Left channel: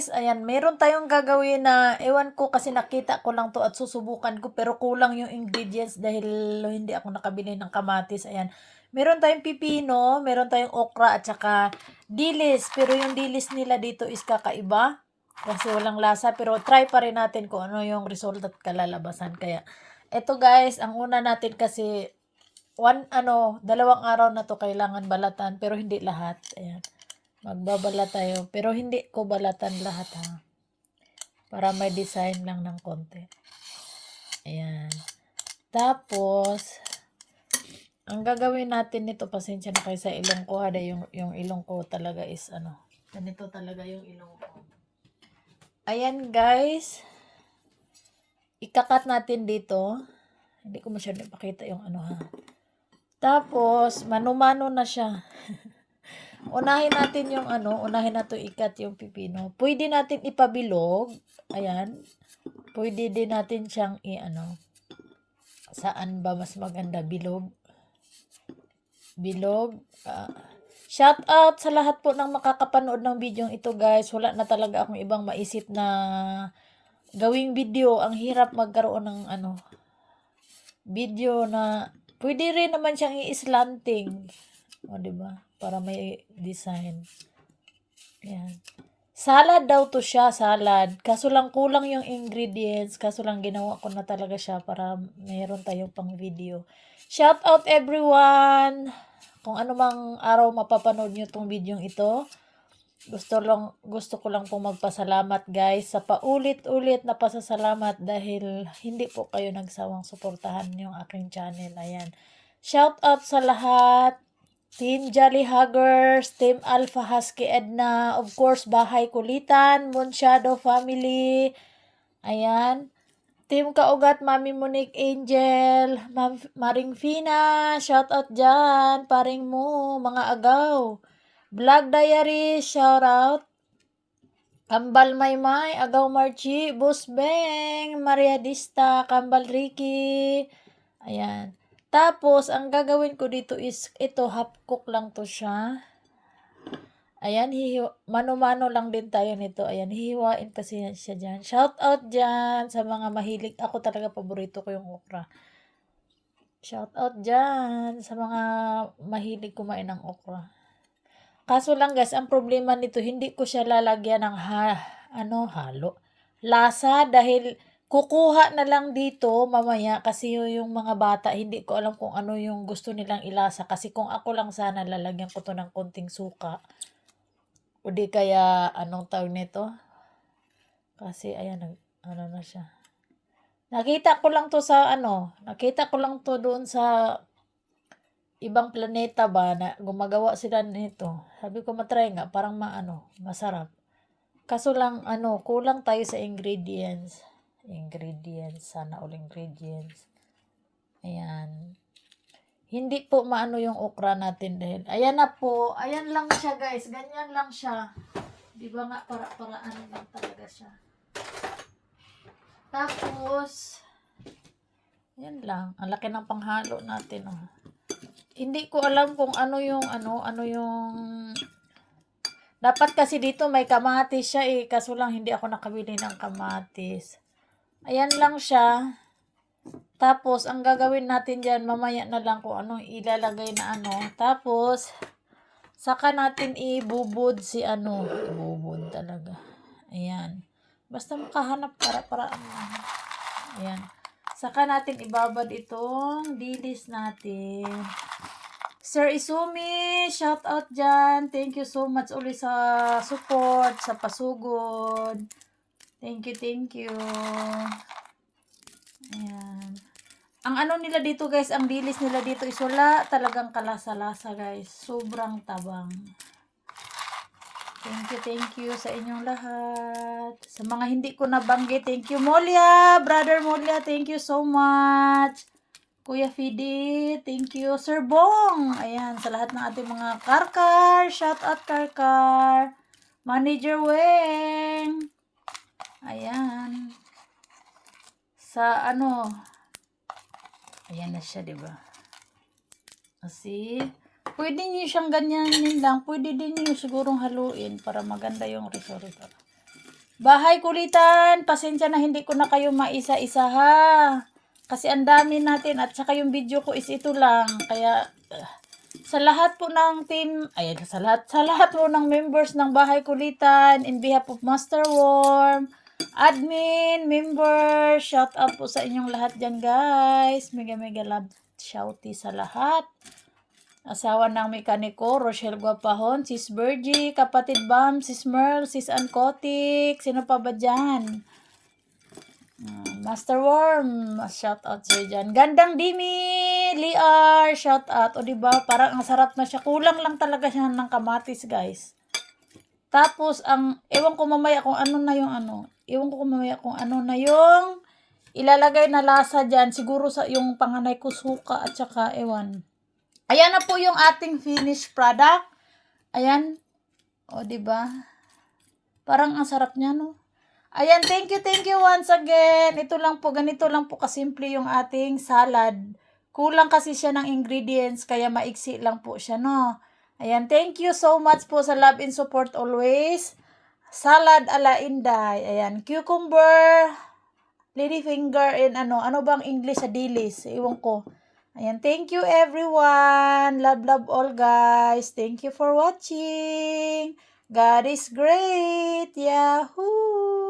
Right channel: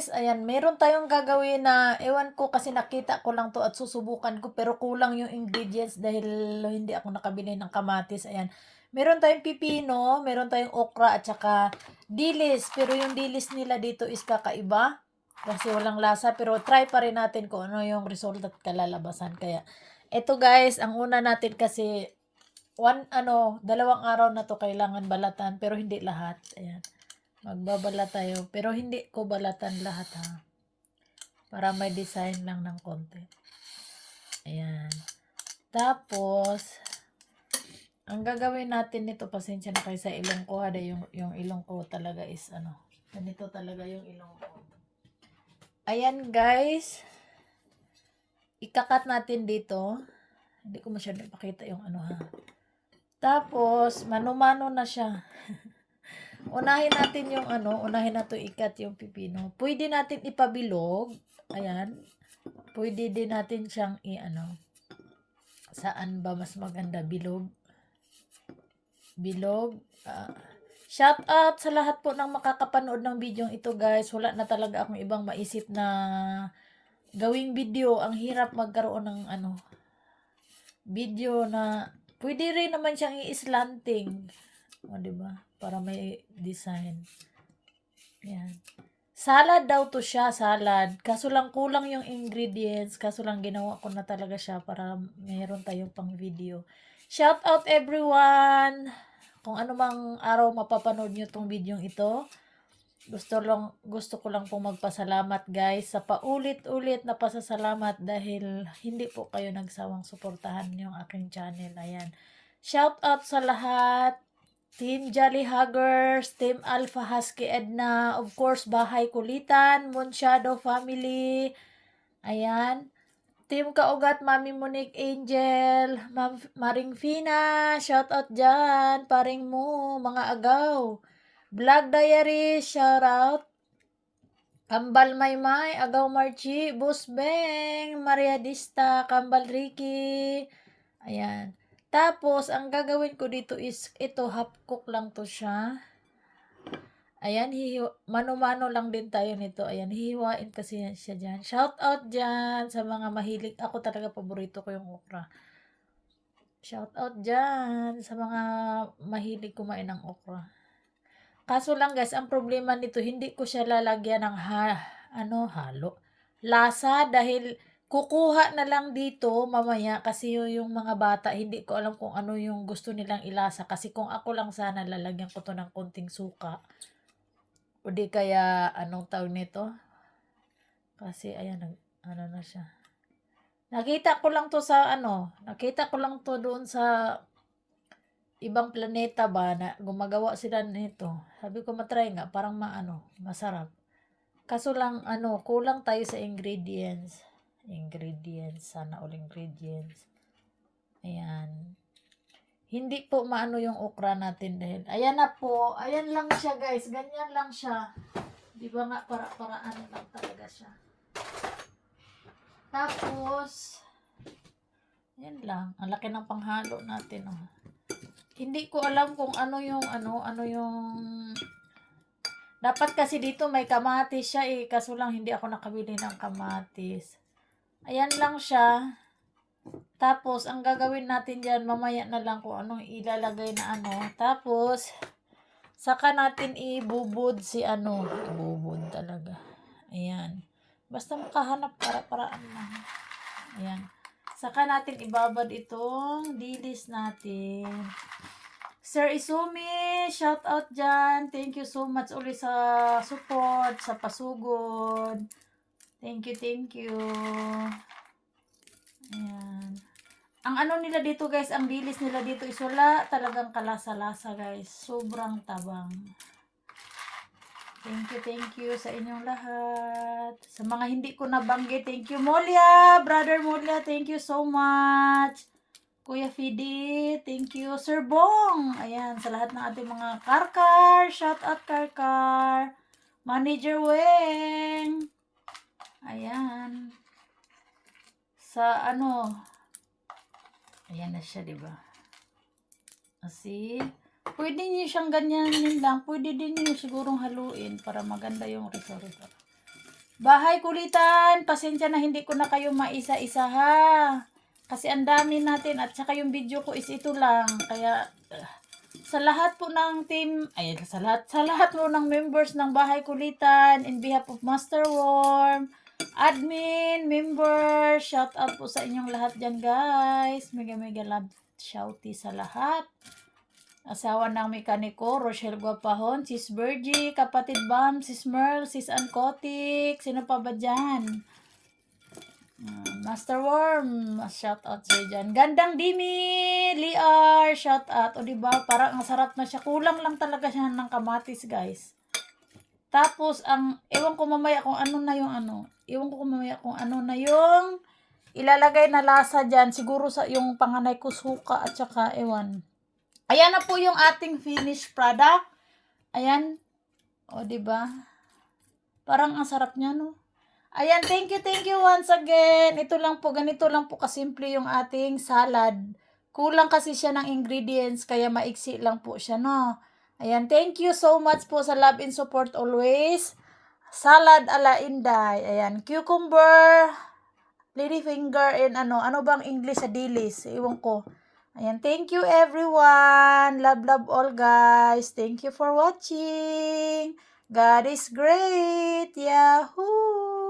guys, ayan, meron tayong gagawin na, ewan ko kasi nakita ko lang to at susubukan ko, pero kulang yung ingredients dahil hindi ako nakabili ng kamatis. Ayan, meron tayong pipino, meron tayong okra at saka dilis, pero yung dilis nila dito is kakaiba kasi walang lasa, pero try pa rin natin kung ano yung result at kalalabasan. Kaya eto guys, ang una natin kasi dalawang araw na to kailangan balatan, pero hindi lahat. Ayan, magbabalat tayo, pero hindi ko balatan lahat ha, para may design lang ng konti. Ayan, tapos ang gagawin natin nito, pasensya na kayo sa ilong ko ha, yung ilong ko talaga is ganito talaga yung ilong ko. Ayan guys, ikakat natin dito, hindi ko masyado pakita yung ha. Tapos mano-mano na siya. Unahin natin yung unahin natin ikat yung pipino. Pwede natin ipabilog. Ayan. Pwede din natin siyang saan ba mas maganda? Bilog. Shout out sa lahat po ng makakapanood ng video ito guys. Wala na talaga akong ibang maisip na gawing video. Ang hirap magkaroon ng video na pwede rin naman siyang i-slanting. O, diba? Para may design. Yan. Salad daw to siya, salad. Kaso lang kulang yung ingredients. Kaso lang ginawa ko na talaga siya para mayroon tayong pang video. Shout out everyone! Kung ano mang araw mapapanood nyo tong video ito. Gusto ko lang pong magpasalamat guys sa paulit-ulit na pasasalamat dahil hindi po kayo nagsawang suportahan yung aking channel. Ayan. Shout out sa lahat. Team Jolly Huggers, Team Alpha Husky Edna, of course, Bahay Kulitan, Moon Shadow Family, ayan, Team Kaugat, Mami Monique Angel, Maring Fina, shout out dyan, paring mo, mga agaw, Vlog Diary, shout out, Kambal Maymay, Agaw Marchi, Boss Beng, Maria Dista, Kambal Ricky, ayan. Tapos, ang gagawin ko dito is, ito, half cook lang to siya. Ayan, mano-mano lang din tayo nito. Ayan, hihiwain kasi siya dyan. Shout out dyan sa mga mahilig. Ako talaga, paborito ko yung okra. Shout out dyan sa mga mahilig kumain ng okra. Kaso lang guys, ang problema nito, hindi ko siya lalagyan ng halo. Lasa dahil kukuha na lang dito mamaya kasi yung mga bata, hindi ko alam kung ano yung gusto nilang ilasa. Kasi kung ako lang sana, lalagyan ko to ng konting suka. O di kaya, anong tawag nito? Kasi, ayan, na siya. Nakita ko lang to doon sa ibang planeta ba, na gumagawa sila nito. Sabi ko, matry nga, parang masarap. Kaso lang, kulang tayo sa ingredients. Sana all ingredients. Ayan. Hindi po maano yung okra natin dahil. Ayan na po. Ayan lang siya guys. Ganyan lang siya. Di ba nga para-paraan lang talaga siya. Tapos, ayan lang. Ang laki ng panghalo natin. Oh. Hindi ko alam kung ano yung dapat kasi dito may kamatis siya kaso lang hindi ako nakabili ng kamatis. Ayan lang siya. Tapos, ang gagawin natin dyan, mamaya na lang kung anong ilalagay na Tapos, saka natin ibubod ibubod talaga. Ayan. Basta makahanap para Ayan. Saka natin ibabad itong dilis natin. Sir Isumi, shout out dyan. Thank you so much ulit sa support, sa pasugod. Thank you. Ayan. Ang nila dito guys, ang dilis nila dito is wala talagang kalasa-lasa guys. Sobrang tabang. Thank you sa inyong lahat. Sa mga hindi ko nabanggit, thank you Molia, Brother Molia, thank you so much. Kuya Fidi, thank you. Sir Bong, ayan, sa lahat ng ating mga karkar, shout out karkar. Manager Weng, ayan. Sa ayan na siya, diba? Kasi, pwede niyo siyang ganyanin lang. Pwede din niyo sigurong haluin para maganda yung result. Bahay kulitan, pasensya na hindi ko na kayo maisa-isa ha. Kasi ang dami natin at saka yung video ko is ito lang. Kaya sa lahat po ng team, ayan, sa lahat po ng members ng Bahay Kulitan, in behalf of Master Worm, admin, members, shout out po sa inyong lahat dyan guys. Mega mega love shouty sa lahat. Asawa ng mekaniko, Rochelle Guapahon, Sis Virgie, kapatid Bam, Sis Merl, Sis Ankotik, sino pa ba dyan? Master Worm, shout out sa'yo dyan. Gandang Dimi, Liar, shout out. O diba, parang ang sarap na siya. Kulang lang talaga siya ng kamatis, guys. Tapos, ewan ko mamaya kung ano na yung ilalagay na lasa dyan. Siguro sa yung panganay ko suka at saka ewan. Ayan na po yung ating finished product. Ayan. O, diba? Parang ang sarap niya, no? Ayan, thank you once again. Ito lang po, ganito lang po kasimple yung ating salad. Kulang kasi siya ng ingredients, kaya maiksi lang po siya, no? Ayan, thank you so much po sa love and support always. Salad ala Inday. Ayan, cucumber, ladyfinger, and ano bang English sa dilis? Iwan ko. Ayan, thank you everyone. Love all guys. Thank you for watching. God is great. Yahoo!